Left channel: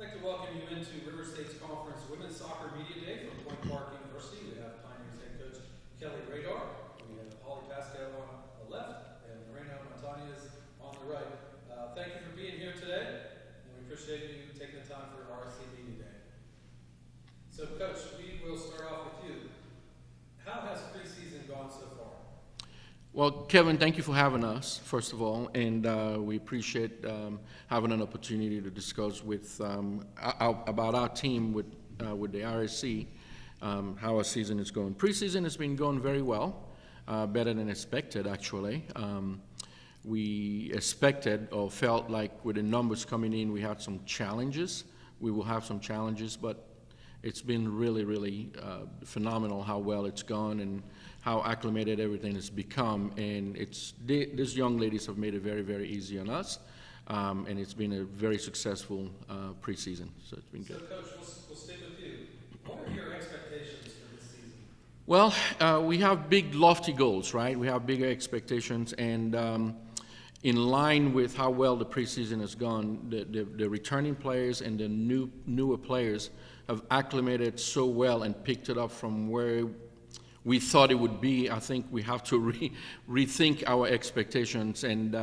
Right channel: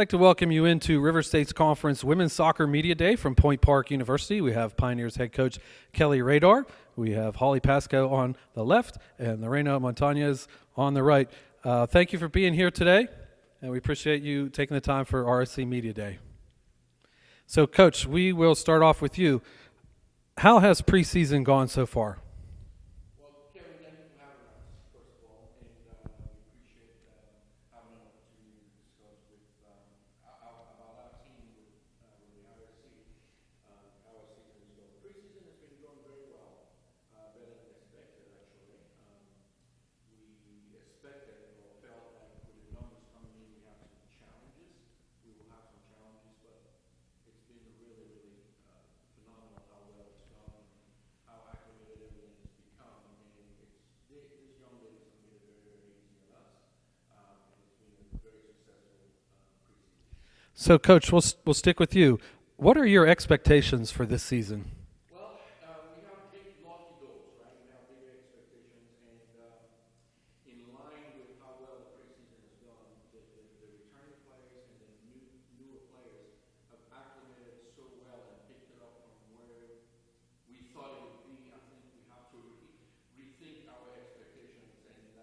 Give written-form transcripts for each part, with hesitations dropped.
I'd like to welcome you into River State's Conference Women's Soccer Media Day from Point Park University. We have Pioneers head coach Kelly Radar. We have Holly Pasco on the left and Lorena Montañez on the right. Thank you for being here today, and we appreciate you taking the time for RSC Media Day. So, Coach, we will start off with you. How has preseason gone so far? Well, Kevin, thank you for having us, first of all, and we appreciate having an opportunity to discuss with about our team with the RSC, how our season is going. Preseason has been going very well, better than expected, actually. We expected or felt like with the numbers coming in, we had some challenges. We will have some challenges, but it's been really, really phenomenal how well it's gone and how acclimated everything has become, and these young ladies have made it very, very easy on us, and it's been a very successful preseason. So, Coach, we'll stick with you. What are your expectations for this season? Well, we have big, lofty goals, right? We have bigger expectations, and in line with how well the preseason has gone, the returning players and the newer players have acclimated so well and picked it up from where we thought it would be. I think we have to rethink our expectations and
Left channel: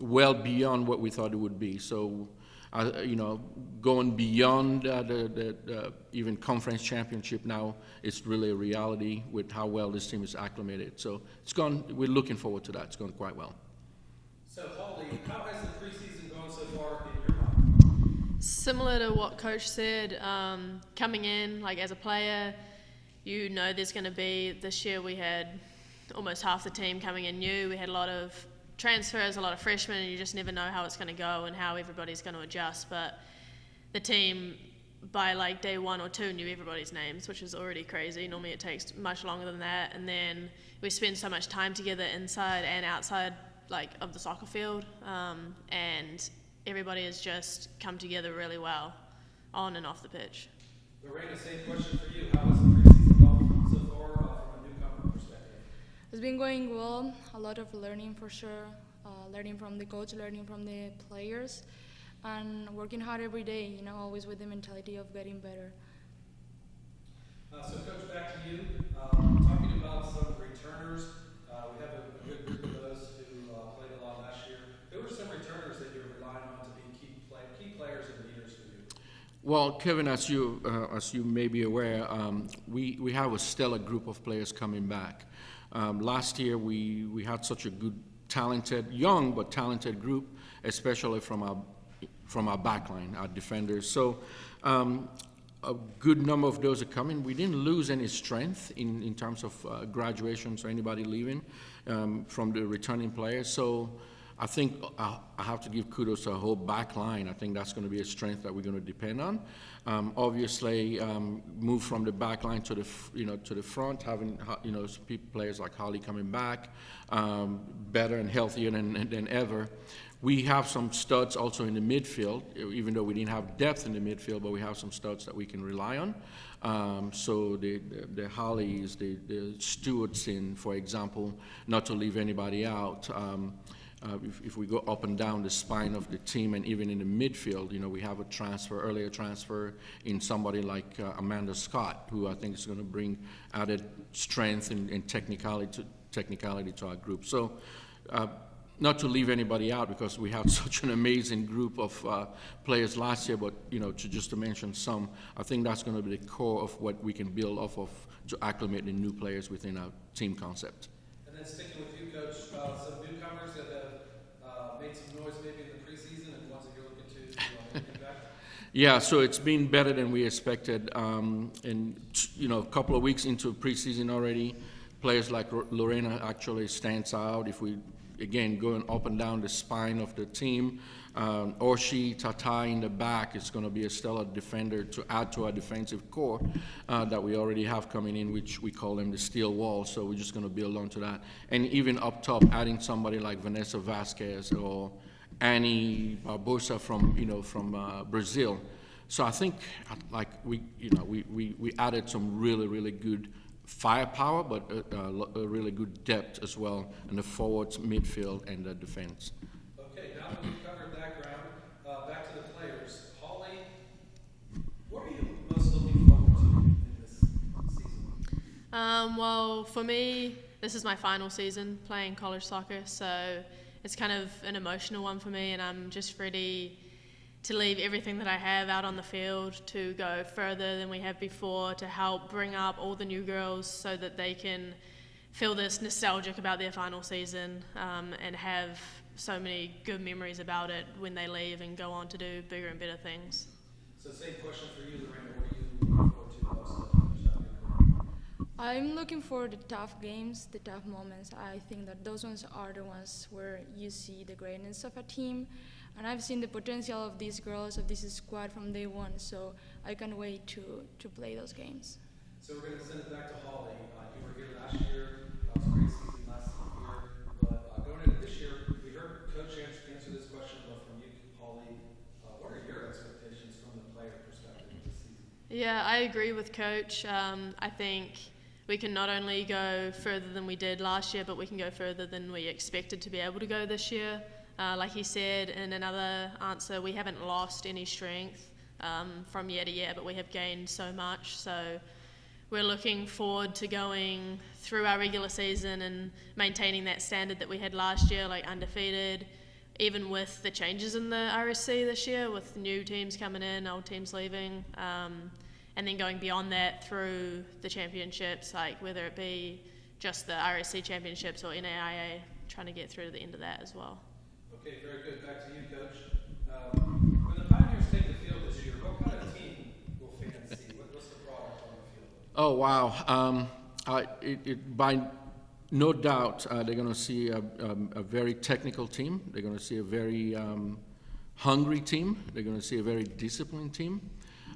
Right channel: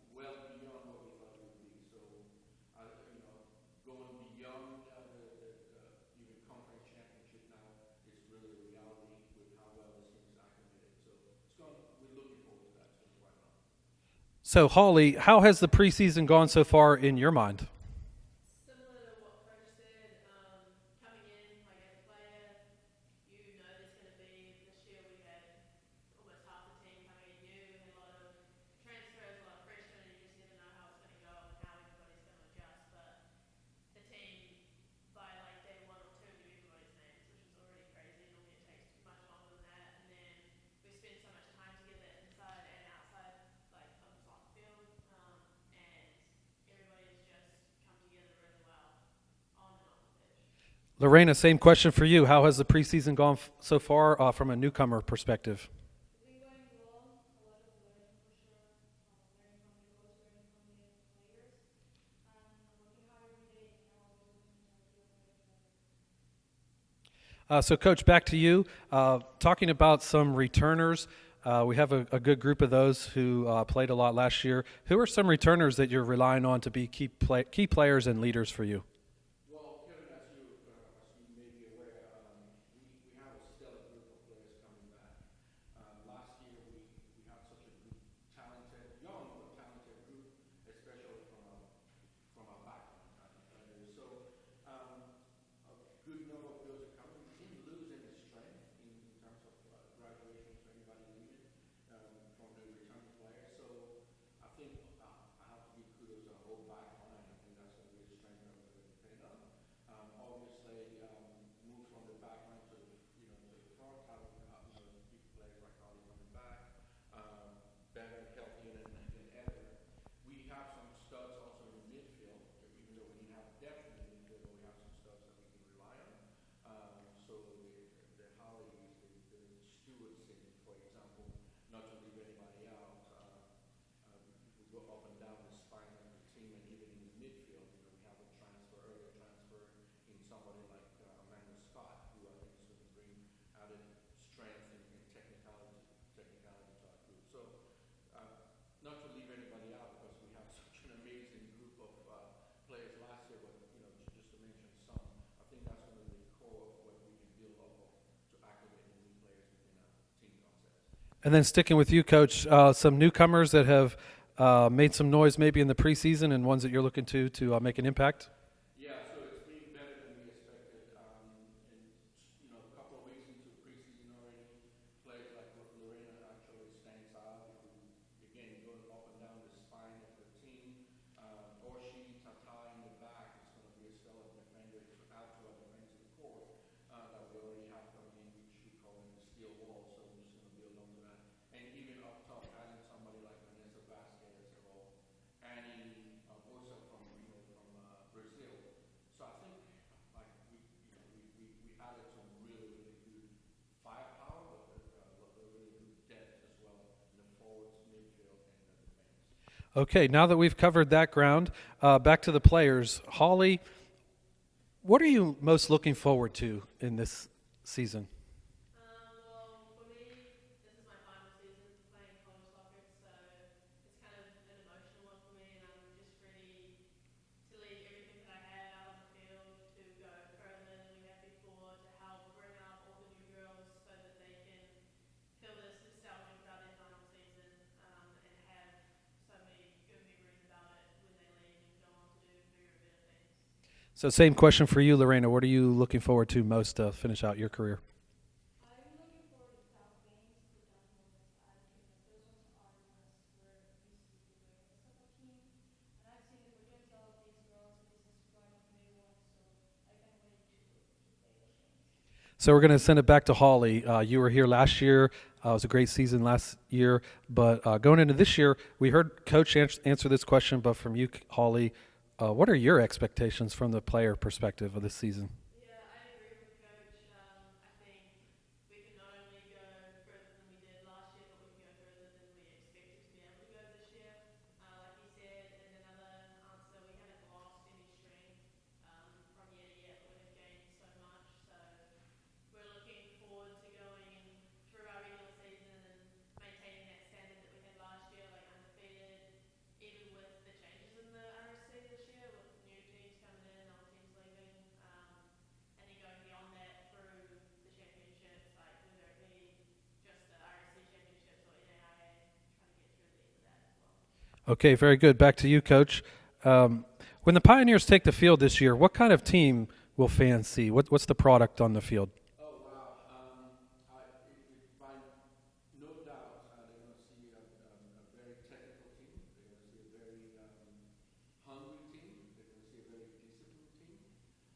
well beyond what we thought it would be. So, going beyond the even conference championship now, it's really a reality with how well this team is acclimated. So it's gone. We're looking forward to that. It's gone quite well. So, Holly, how has the preseason gone so far in your mind? Similar to what Coach said, coming in like as a player, you know there's going to be, this year we had almost half the team coming in new. We had a lot of transfers, a lot of freshmen, and you just never know how it's going to go and how everybody's going to adjust. But the team, by like day 1 or 2, knew everybody's names, which is already crazy. Normally it takes much longer than that. And then we spend so much time together inside and outside like of the soccer field, and everybody has just come together really well on and off the pitch. Lorena, same question for you. How has the preseason gone so far from a newcomer perspective? It's been going well. A lot of learning for sure. Learning from the coach, learning from the players, and working hard every day, always with the mentality of getting better. So, Coach, back to you. Talking about some returners, we have a good group of those who played a lot last year. Who are some returners that you're relying on to be key players and leaders for you? Well, Kevin, as you may be aware, we have a stellar group of players coming back. Last year, we had such a good, talented, young but talented group, especially from our backline, our defenders. So a good number of those are coming. We didn't lose any strength in terms of graduations or anybody leaving from the returning players. So I think I have to give kudos to our whole back line. I think that's going to be a strength that we're going to depend on. Obviously, move from the back line to the front, having players like Holly coming back, better and healthier than ever. We have some studs also in the midfield, even though we didn't have depth in the midfield, but we have some studs that we can rely on. So the Hollies, the Stewarts in, for example, not to leave anybody out. If we go up and down the spine of the team and even in the midfield, we have earlier transfer in somebody like Amanda Scott, who I think is going to bring added strength and technicality to our group. So not to leave anybody out because we had such an amazing group of players last year, but to mention some, I think that's going to be the core of what we can build off of to acclimate the new players within our team concept. And then sticking with you, Coach, some newcomers that have made some noise maybe in the preseason and ones that you're looking to make an impact? Yeah, so it's been better than we expected. And, a couple of weeks into preseason already, players like Lorena actually stands out. If we, again, going up and down the spine of the team, Orshi, Tata in the back is going to be a stellar defender to add to our defensive core that we already have coming in, which we call them the steel wall. So we're just going to build on to that. And even up top, adding somebody like Vanessa Vasquez or Annie Barbosa from Brazil. So I think we added some really, really good firepower, but a really good depth as well in the forwards, midfield, and the defense. Okay, now that we've covered that ground, back to the players. Holly, What are you most looking forward to in this season? Well, for me, this is my final season playing college soccer, so it's kind of an emotional one for me, and I'm just ready to leave everything that I have out on the field to go further than we have before, to help bring up all the new girls so that they can feel this nostalgic about their final season, and have so many good memories about it when they leave and go on to do bigger and better things. So same question for you, Lorena. What are you looking forward to most to finish out your career? I'm looking for the tough games, the tough moments. I think that those ones are the ones where you see the greatness of a team. And I've seen the potential of these girls, of this squad from day one. So I can't wait to play those games. So we're going to send it back to Holly. You were here last year. It was a great season last year. But going into this year, we heard Coach answer this question, but from you, Holly, what are your expectations from the player perspective of this season? Yeah, I agree with Coach. I think we can not only go further than we did last year, but we can go further than we expected to be able to go this year. Like he said in another answer, we haven't lost any strength from year to year, but we have gained so much. So we're looking forward to going through our regular season and maintaining that standard that we had last year, like undefeated, even with the changes in the RSC this year, with new teams coming in, old teams leaving, and then going beyond that through the championships, like whether it be just the RSC championships or NAIA, trying to get through to the end of that as well. Okay, very good. Back to you, Coach. When the Pioneers take the field this year, what kind of team will fans see? What's the product on the field? Oh, wow. By no doubt, they're going to see a very technical team. They're going to see a very hungry team. They're going to see a very disciplined team.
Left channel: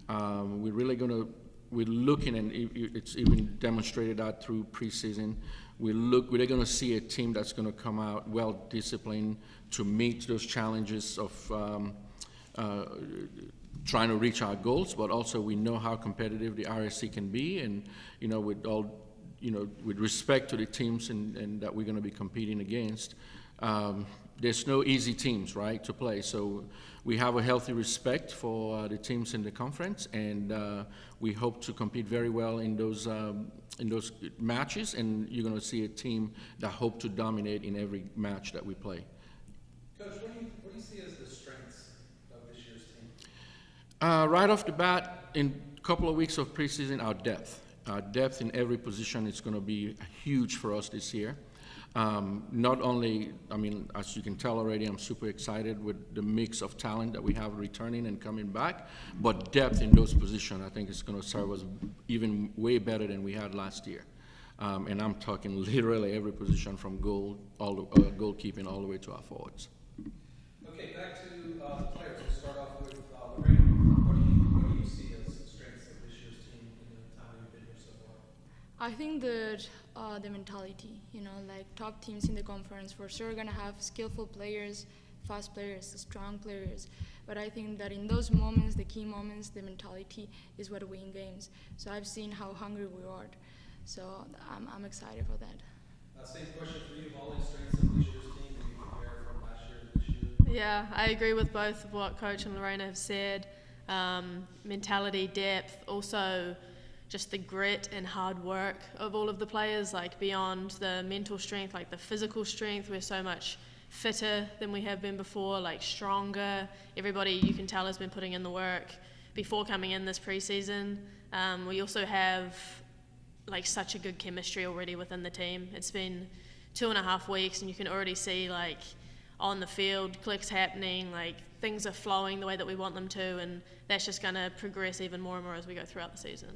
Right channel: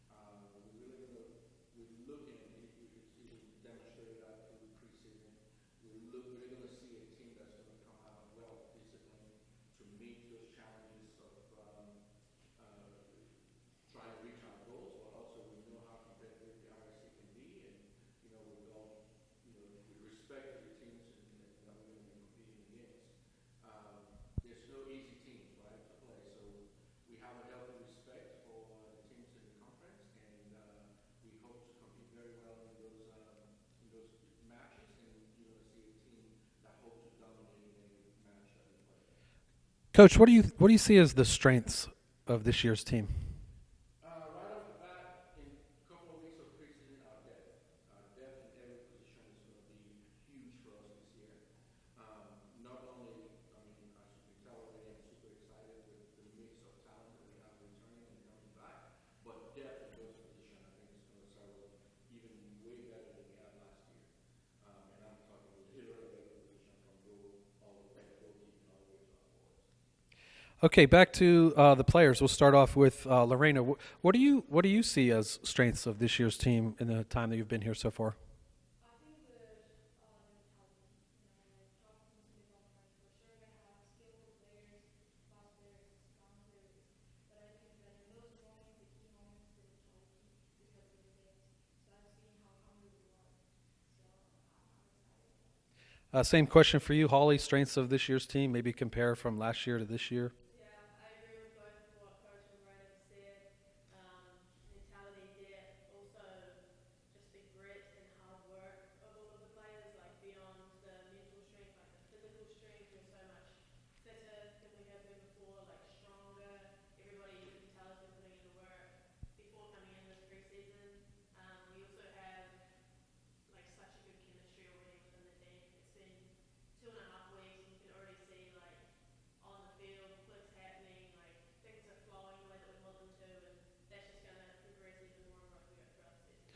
We're looking, and it's even demonstrated that through preseason. We're going to see a team that's going to come out well disciplined to meet those challenges of trying to reach our goals, but also we know how competitive the RSC can be, and with respect to the teams and that we're going to be competing against, there's no easy teams, right, to play. So we have a healthy respect for the teams in the conference, and we hope to compete very well in those matches. And you're going to see a team that hope to dominate in every match that we play. Coach, what do you see as the strengths of this year's team? Right off the bat, in a couple of weeks of preseason, our depth. Our depth in every position is going to be huge for us this year. Not only, as you can tell already, I'm super excited with the mix of talent that we have returning and coming back, but depth in those positions, I think is going to serve us even way better than we had last year. And I'm talking literally every position from goalkeeping all the way to our forwards. Okay, back to the players. We'll start off with Lorena. What do you see as strengths of this year's team in the time that you've been here so far? I think that the mentality, like top teams in the conference for sure are going to have skillful players, fast players, strong players. But I think that in those moments, the key moments, the mentality is what wins games. So I've seen how hungry we are. So I'm excited for that. Same question for you, Holly. Strengths of this year's team, maybe compare from last year to this year. Yeah, I agree with both of what Coach and Lorena have said. Mentality, depth, also just the grit and hard work of all of the players, like beyond the mental strength, like the physical strength. We're so much fitter than we have been before, like stronger. Everybody, you can tell, has been putting in the work before coming in this preseason. We also have like such a good chemistry already within the team. It's been 2.5 weeks, and you can already see like on the field clicks happening, like things are flowing the way that we want them to, and that's just going to progress even more and more as we go throughout the season.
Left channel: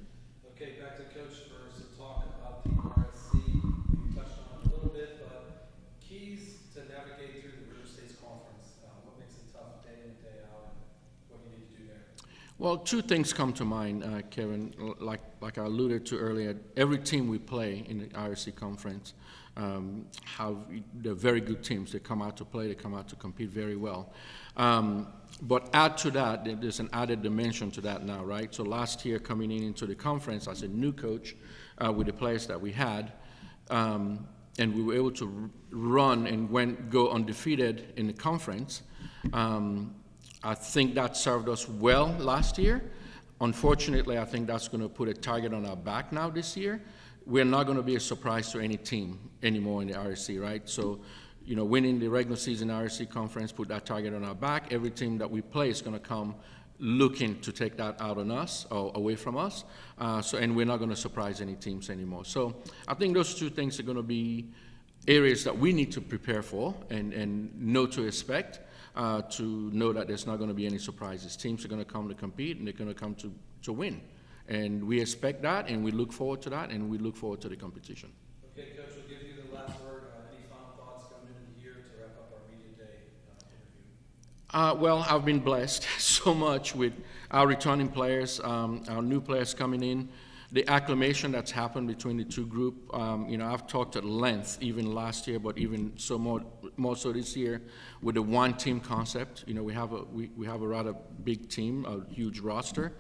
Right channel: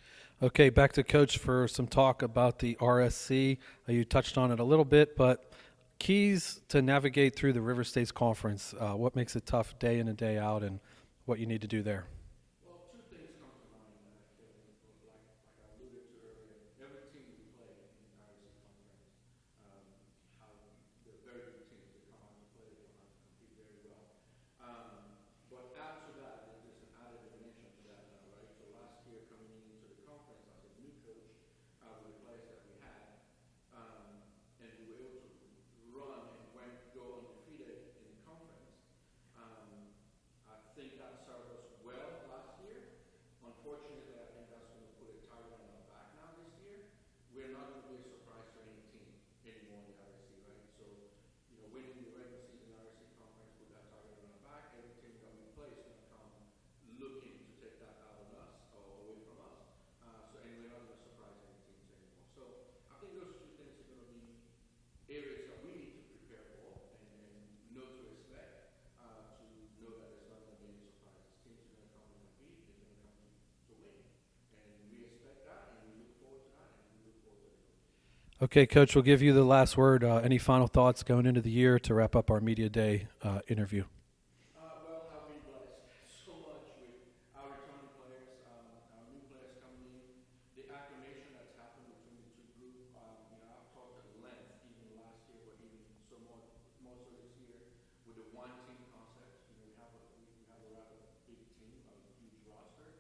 Okay, back to Coach for some talk about the RSC. You touched on it a little bit, but keys to navigate through the River States Conference. What makes it tough day in and day out, and what you need to do there? Well, two things come to mind, Kevin. Like I alluded to earlier, every team we play in the RSC conference they're very good teams. They come out to play. They come out to compete very well. But add to that, there's an added dimension to that now, right? So last year, coming into the conference as a new coach with the players that we had, and we were able to run and go undefeated in the conference. I think that served us well last year. Unfortunately, I think that's going to put a target on our back now this year. We're not going to be a surprise to any team anymore in the RSC, right? So, winning the regular season RSC conference put that target on our back. Every team that we play is going to come looking to take that out on us or away from us. And we're not going to surprise any teams anymore. So I think those two things are going to be areas that we need to prepare for and know to expect, to know that there's not going to be any surprises. Teams are going to come to compete, and they're going to come to win. And we expect that, and we look forward to that, and we look forward to the competition. Okay, Coach, we'll give you the last word. Any final thoughts going into the year to wrap up our Media Day interview? Well, I've been blessed so much with our returning players, our new players coming in, the acclimation that's happened between the two groups. I've talked at length even last year, but even so more so this year with the one-team concept. We have a rather big team, a huge roster.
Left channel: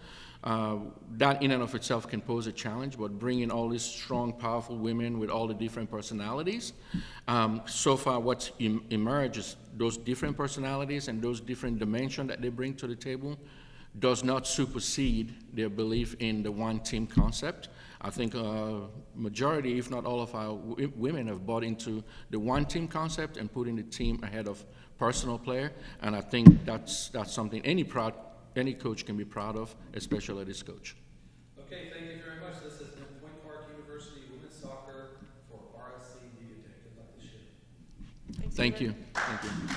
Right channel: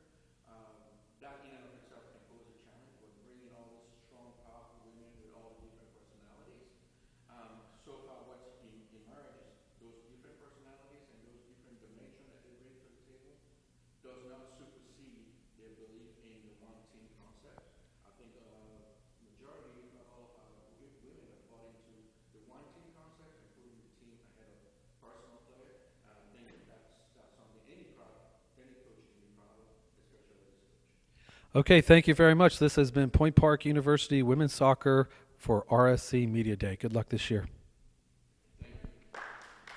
That in and of itself can pose a challenge, but bringing all these strong, powerful women with all the different personalities, so far what's emerged is those different personalities and those different dimensions that they bring to the table does not supersede their belief in the one-team concept. I think majority, if not all of our women have bought into the one-team concept and putting the team ahead of personal player, and I think that's something any coach can be proud of, especially this coach. Okay, thank you very much. This has been Point Park University Women's Soccer for RSC Media Day. Good luck this year. Thank you. Thank you.